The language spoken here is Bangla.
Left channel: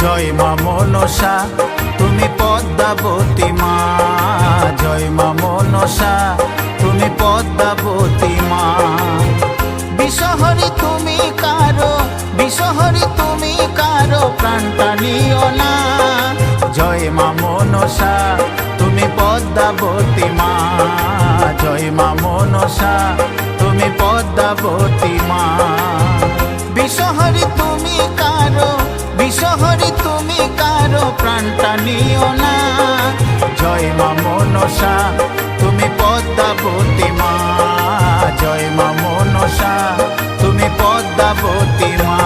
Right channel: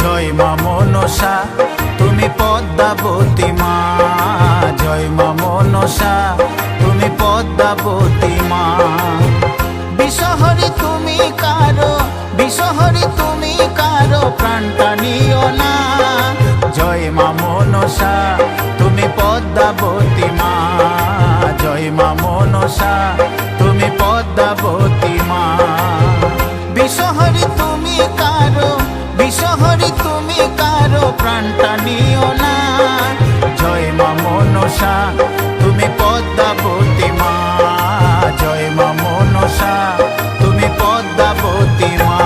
জয় মা মনসা তুমি পদ্মাবতী মা, জয় মা মনসা তুমি পদ্মাবতী মা। বিষহরি তুমি কারো, বিষহরি তুমি কারো প্রাণটা নিও না। জয় মা মনসা তুমি পদ্মাবতী মা, জয় মা মনসা তুমি পদ্মাবতী মা। বিষহরি তুমি কারো, বিষহরি তুমি কারো প্রাণটা নিও না। জয় মা মনসা তুমি পদ্মাবতী মা, জয় মা মনসা তুমি পদ্মাবতী মা।